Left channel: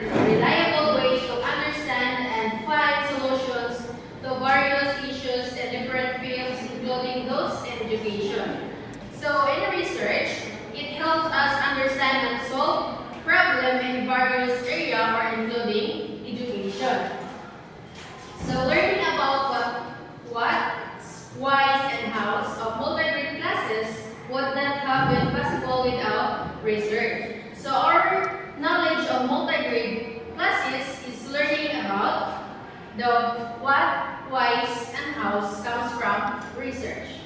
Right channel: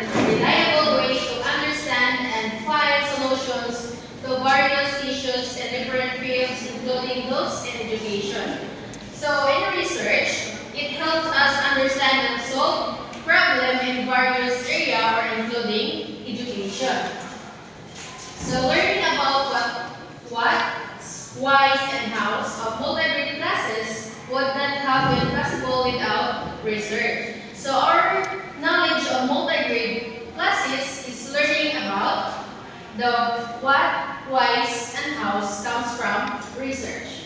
reliable way to understand and find solutions to various issues in different fields, including those in education. So in research, it helps us understand and solve problems in various areas, or including education. So learning about what, whys, and hows of multi-grade classes would not have been possible without research. So our knowledge of multi-grade classes is learning about the what, whys, and hows comes from research.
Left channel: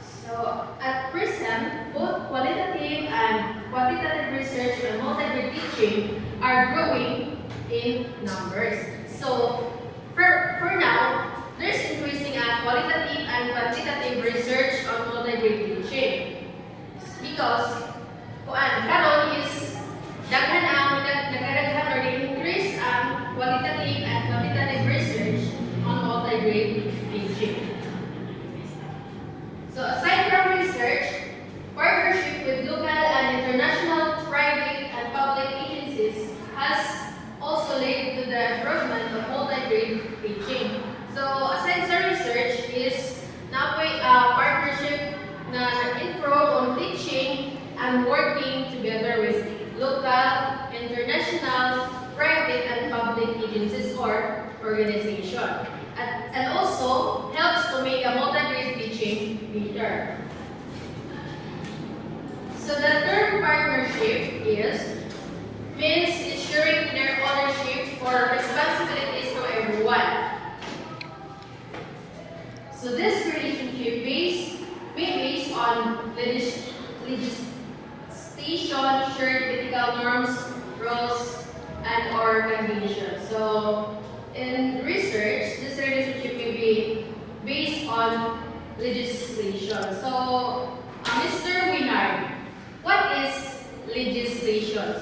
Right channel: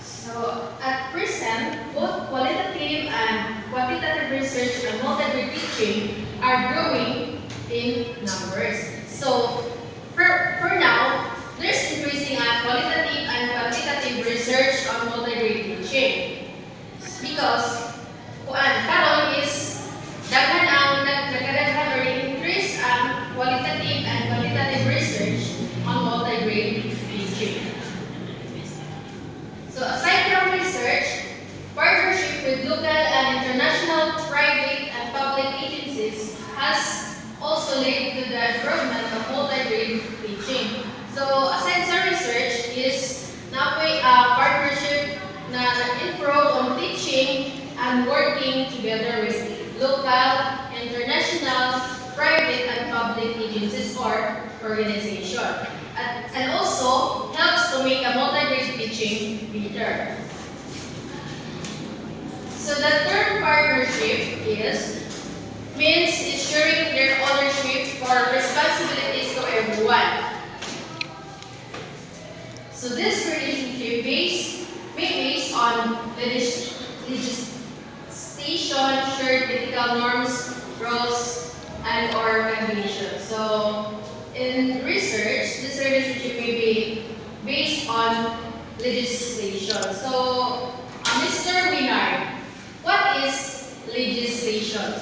So at present, both qualitative and quantitative research and multi-grade teaching are growing in numbers. So for now, there's increasing qualitative and quantitative research on multi-grade teaching. Because karon is daghan or increase ang qualitative and quantitative research on multi-grade teaching. So aside from research, partnership with local and international private and public agencies has also led to the improvement of multi-grade teaching. So aside sa research is napoy partnership na nag-improve on teaching and working together with local, international, private, and public agencies or organization. And also helps to make a multi-grade teaching better. So the term partnership means it's sharing their ownership or responsibilities to everyone. So this relationship based on legislation, shared ethical norms, roles, and or conditions. So in research, this relationship may be based on legislation. So Mr. Winard, what is legislation?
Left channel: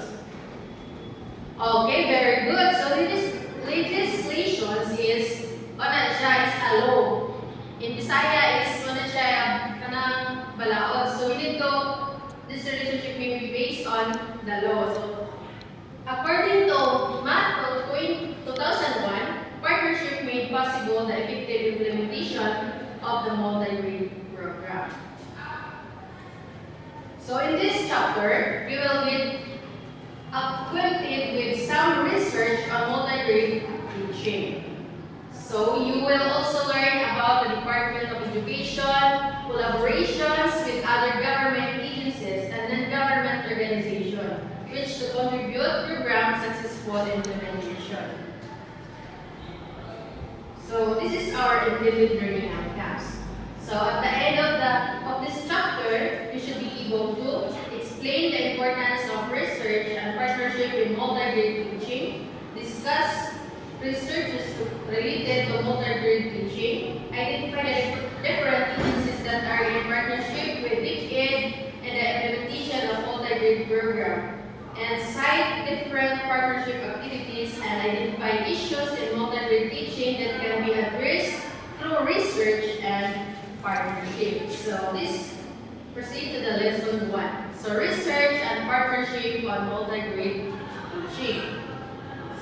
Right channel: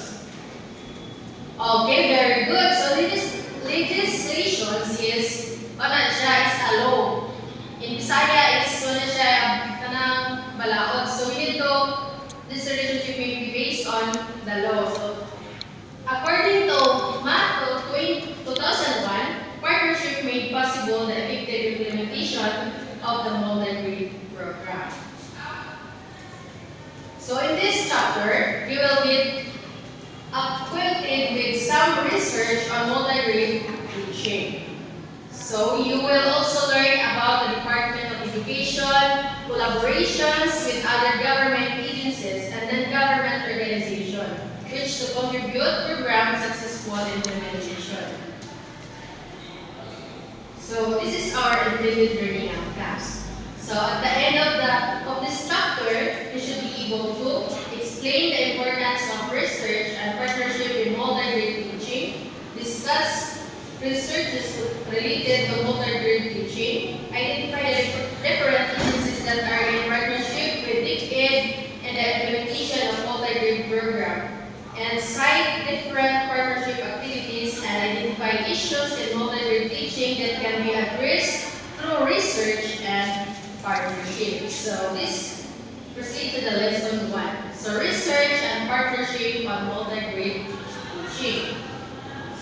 Okay, very good. So legislations is a law. In Bisaya is kanang balaod. So we need to this relationship may be based on the law. So according to Math 2001, partnership made possible the effective implementation of the multi-grade program. So in this chapter, you will be acquainted with some research on multi-grade teaching. So you will also learn about the Department of Education, collaborations with other government agencies and non-government organizations, which to contribute program successful implementation. So this is our intended learning outcomes. So at the end of this chapter, you should be able to explain the importance of research and partnership in multi-grade teaching, discuss researches related to multi-grade teaching, identify the different agencies that are in partnership with DepEd and the implementation of multi-grade program, and cite different partnership activities and identify issues in multi-grade teaching that can be addressed through research and partnership. So this proceed to the lesson 1. So research and partnership on multi-grade teaching.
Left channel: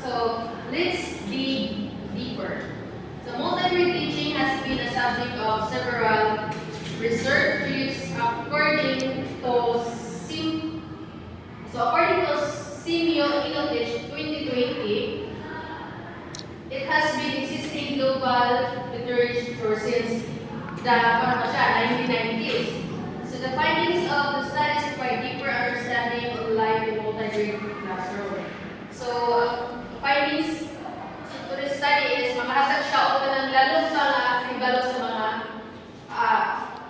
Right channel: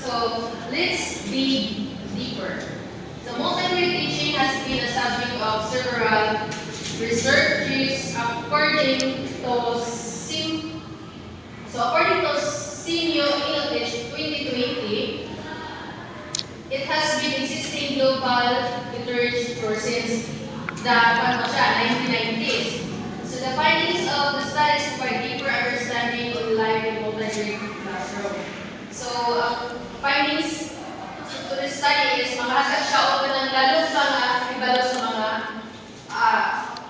So let's dig deeper. So multi-grade teaching has been a subject of several researches according to Simio English 2020. It has been existing global literature since the 1990s. So the findings of the studies provide deeper understanding of life in multi-grade classroom. So findings to the study is makahatag siya o ng lalong mga ibalo sa mga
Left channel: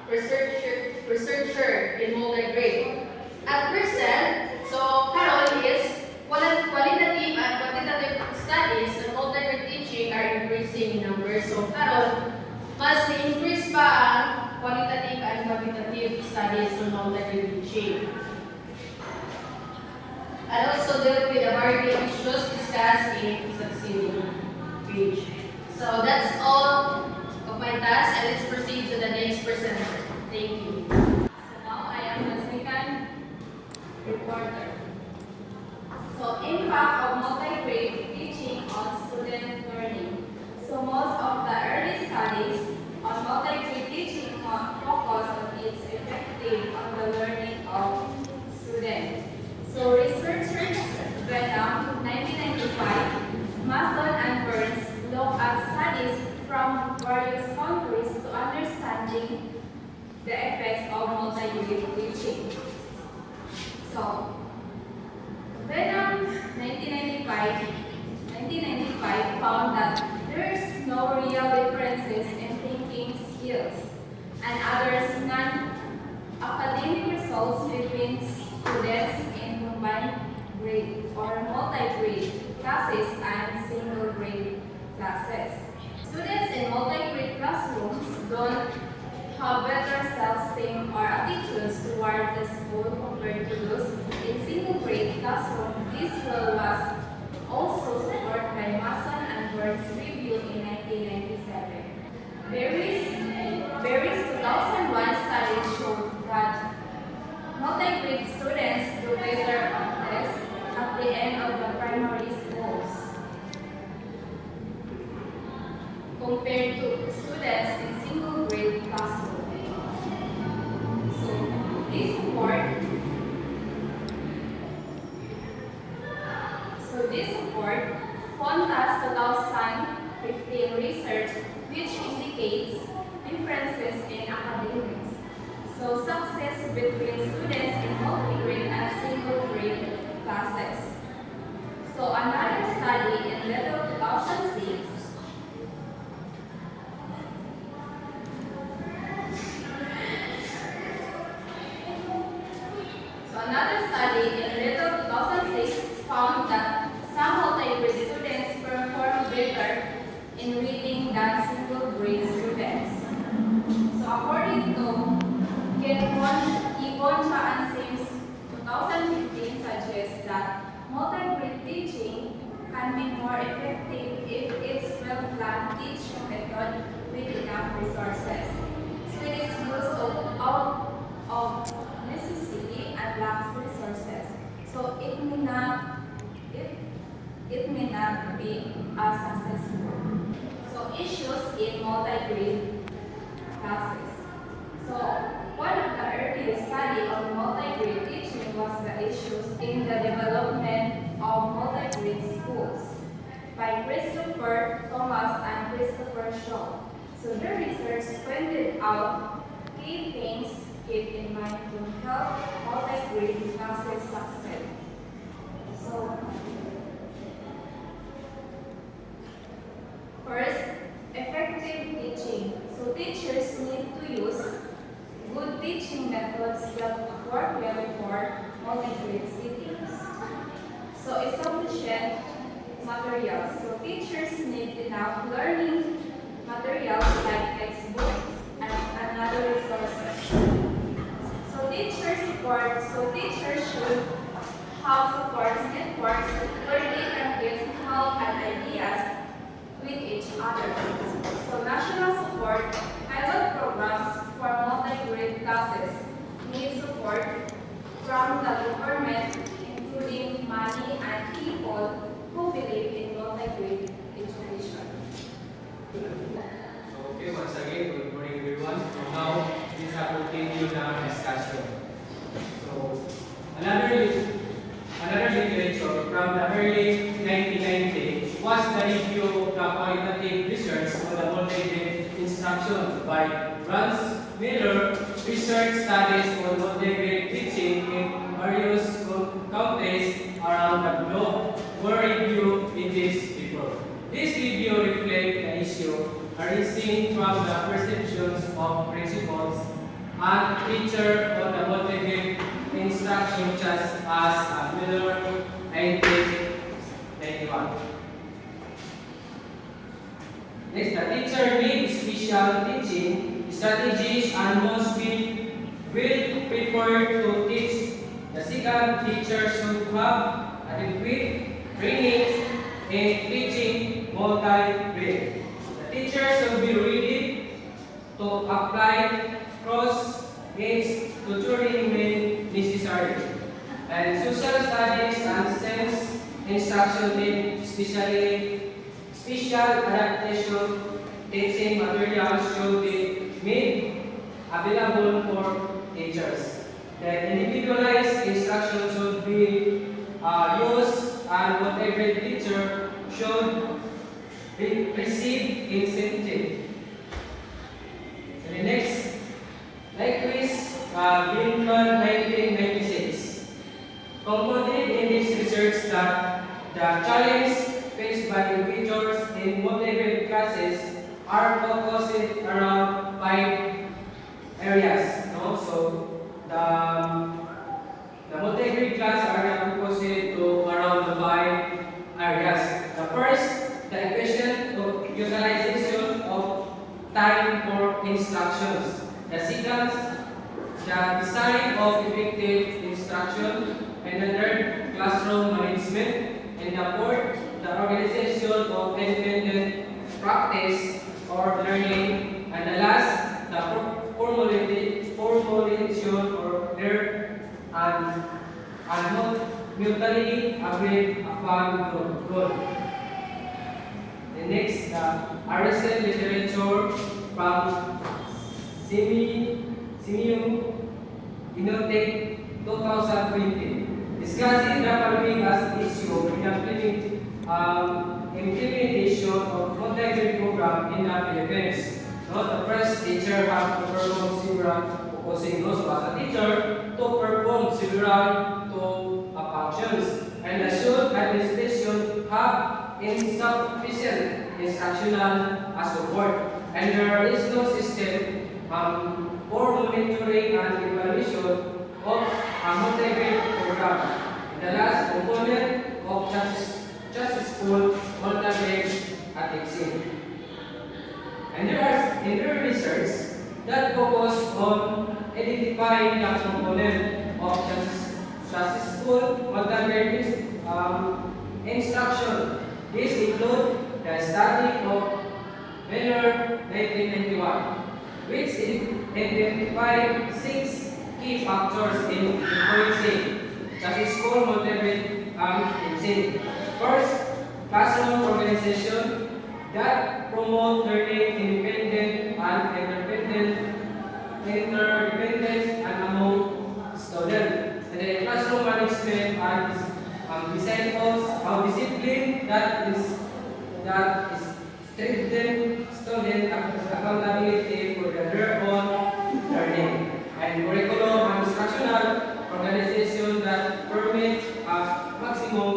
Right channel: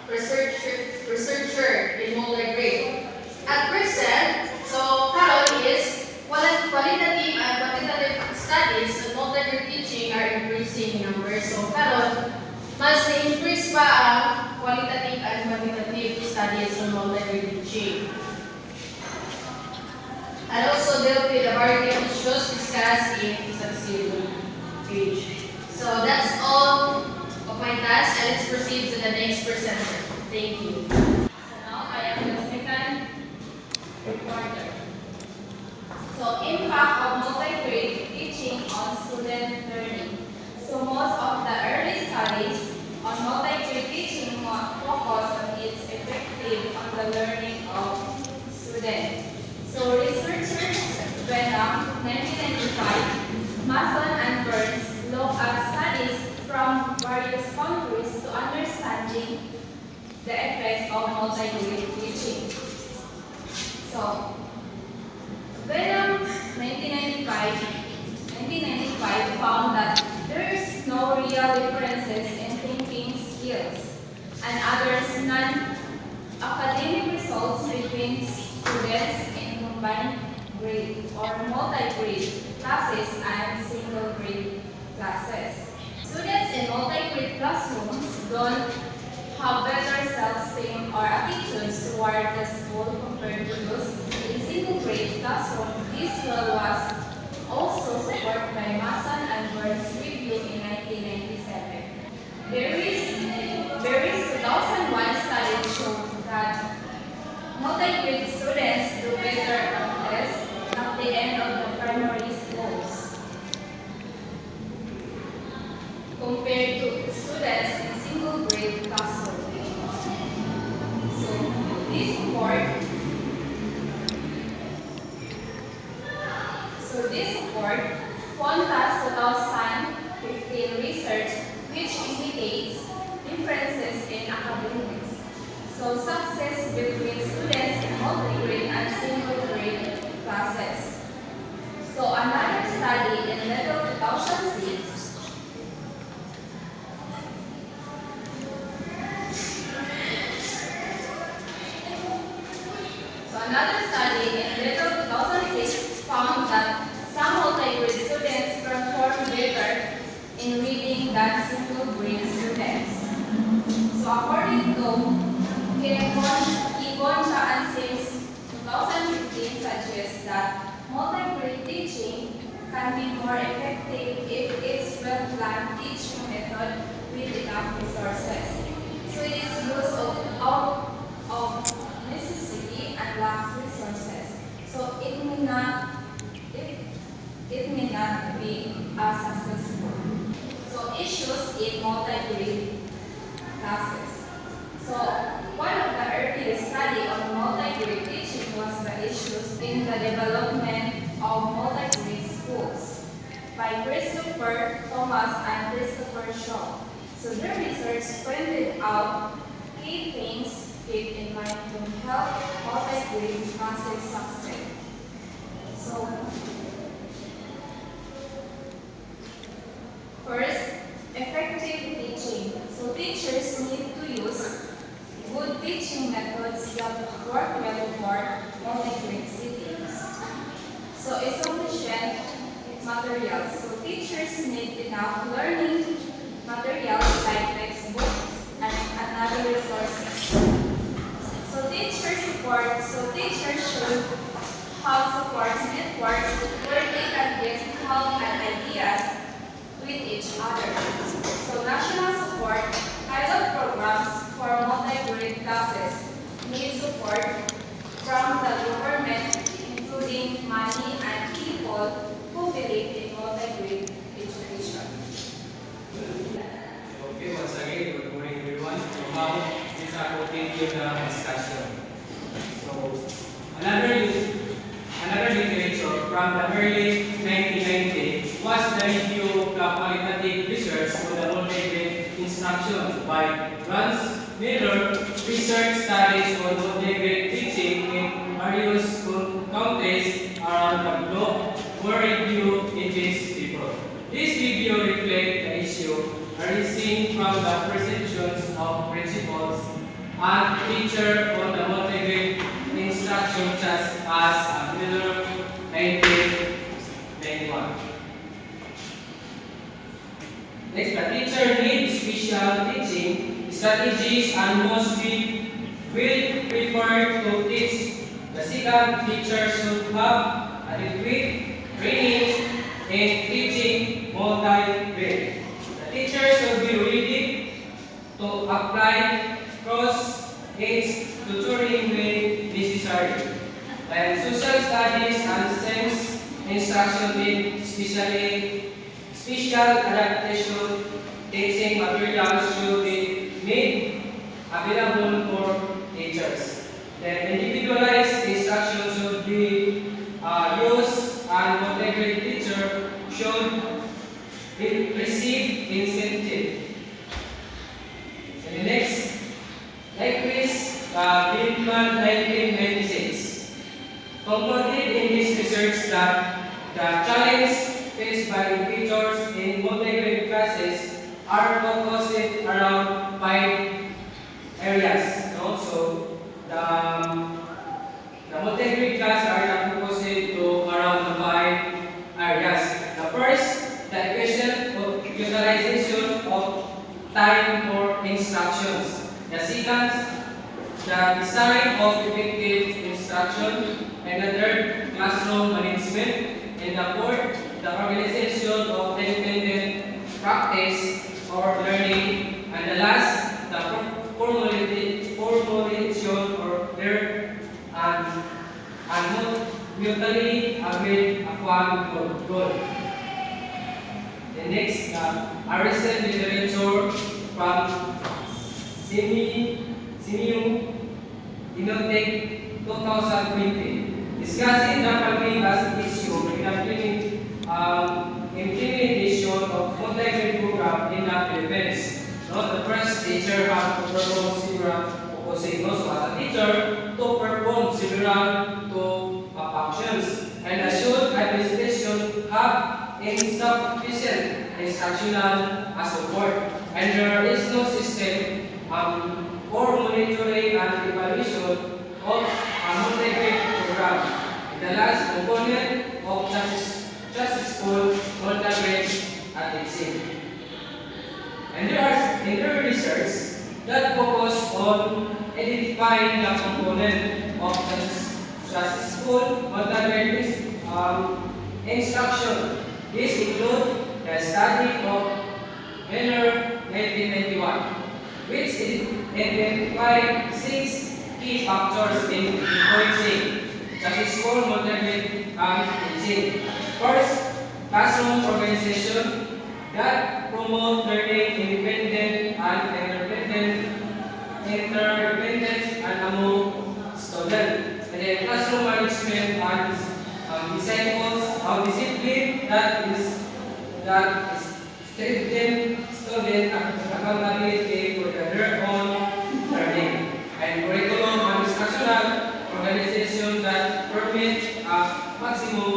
researcher in multi-grade. At present, so karon is qualitative and quantitative studies on multi-grade teaching are increasing in numbers. So karon mas na-increase pa ang qualitative and quantitative studies on multi-grade teaching. And also deal with a variety of issues discussed in succeeding page. So that's all of my task, and let's proceed to the next presenter. Thank you. So now I am the second reporter. So impact of multi-grade the effects of multi-grade teaching. So, Venom 1995 found that there is no real differences in thinking skills and others non-academic results between students in combined grade or multi-grade classes and single-grade classes. Students in multi-grade classrooms don't have better self-esteem or attitudes toward the school compared to those in single-grade classroom. This law was also supported by Mason and Burns review in 1997. Berry's 2001 study showed that multi-grade students do better on tests at the end of the primary schools compared to students in single-grade classrooms. This support Fonta's 2015 research which indicates differences in academics. So success between students in multi-grade and single-grade classes. So another study in Level 2006 found that some multi-grade students perform better in reading than single-grade students. So according to Kiboncha and Sims 2015 suggests that multi-grade teaching can be more effective if it's well-planned teaching method with enough resources. So it is used out of necessity and lacks resources. So it may not be as successful. So issues in multi-grade classes. So one of the earliest study of multi-grade teaching was the issues in the development of multi-grade schools by Christopher Thomas and Christopher Shaw. So their research pointed out key things to keep in mind to help multi-grade classes succeed. So first, effective teaching. So teachers need to use good teaching methods that work well for multi-grade settings. So sufficient materials. So teachers need enough learning materials like textbooks and other resources. So teachers should have support networks where they can get help and ideas with each other. So national support, pilot programs for multi-grade classes need support from the government, including money and people who believe in multi-grade education. Okay, once again, good morning everyone. So now, we start to continue the discussion. So, another literature from the early 1990s was the review of the qualitative research on the multi-grade instruction by Franz Miller. Research studies on multi-grade teaching in various countries around the globe were reviewed in this report. This review reflects the issue arising from the perceptions of principals and teachers on the multi-grade instruction such as Miller 1991. Next, the teacher needs special teaching strategies and will prefer to teach. The second, teacher should have adequate training in teaching multi-grade. The teacher should be ready to apply cross-needs tutoring when necessary. And social studies and STEM instruction need special adaptation teaching materials should be made available for teachers. Then individualized instruction should be used and multi-grade teacher should receive incentive. And the next, like that the challenge faced by educators in multi-grade classes are focused around 5 areas. No? So the multi-grade class are focused to around 5 areas. The first, the equation of utilization of time for instructions. The second, the design of effective instruction. And the third, classroom management. And the fourth, the organization of independent practice or learning. And the last, the formulation or their and mutually agreed upon goal. The next, a recent literature from Simium Inotech 2020 discussing the following as issue in implementation of multi-grade program in the Philippines. No, the first teacher has to perform several focusing also as a teacher to perform several functions, and the should administration have insufficient instructional support, and there is no system for monitoring and evaluation of a multi-grade program. The last component of just school multi-grade teaching. And there are research that focus on identifying the component of just school multi-grade instruction. This includes the study of Miller 1991, which identified 6 key factors in encouraging just school multi-grade teaching. First, classroom organization that promote learning independent and interdependence and among students. And then classroom management and discipline that is strengthen student accountability for their own learning. And curriculum and instructional organization that permit a maximum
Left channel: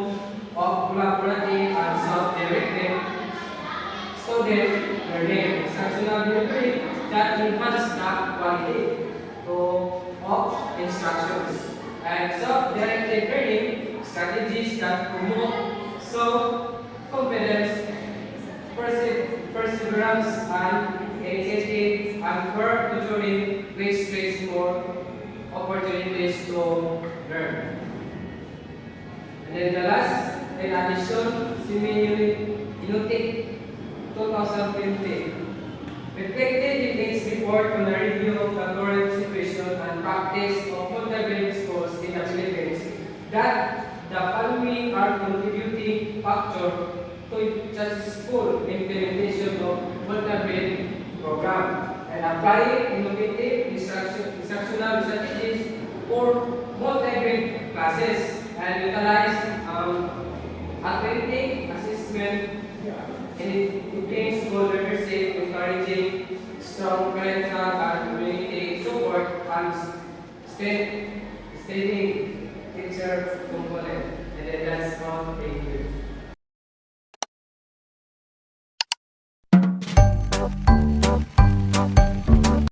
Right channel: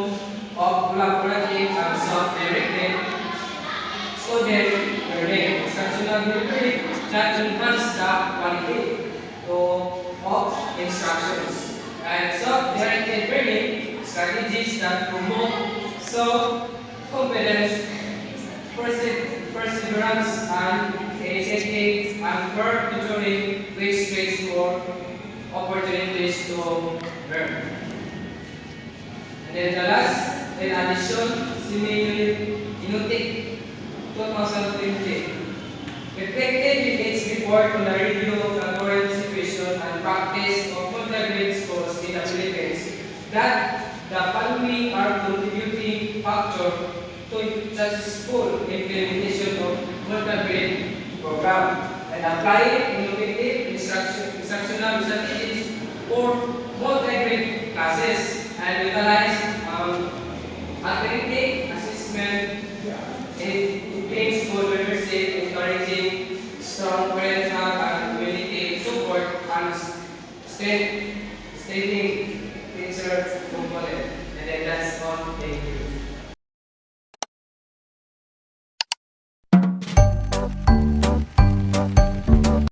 of collaborative and self-directed student learning. Instructional delivery that enhance the quality of instructions. And self-directed learning strategies that promote self-confidence, perseverance, and initiative, and work tutoring, which creates more opportunities to learn. And then the last, in addition, Inotech 2020 reflected in its report on a review of the current situation and practice of multi-grade schools in the Philippines that the following are contributing factors to just school implementation of multi-grade program and applying innovative instructional strategies for multi-grade classes and utilize alternative assessment in school leadership, encouraging strong parental and community support and strengthening teacher component. And then that's all. Thank you.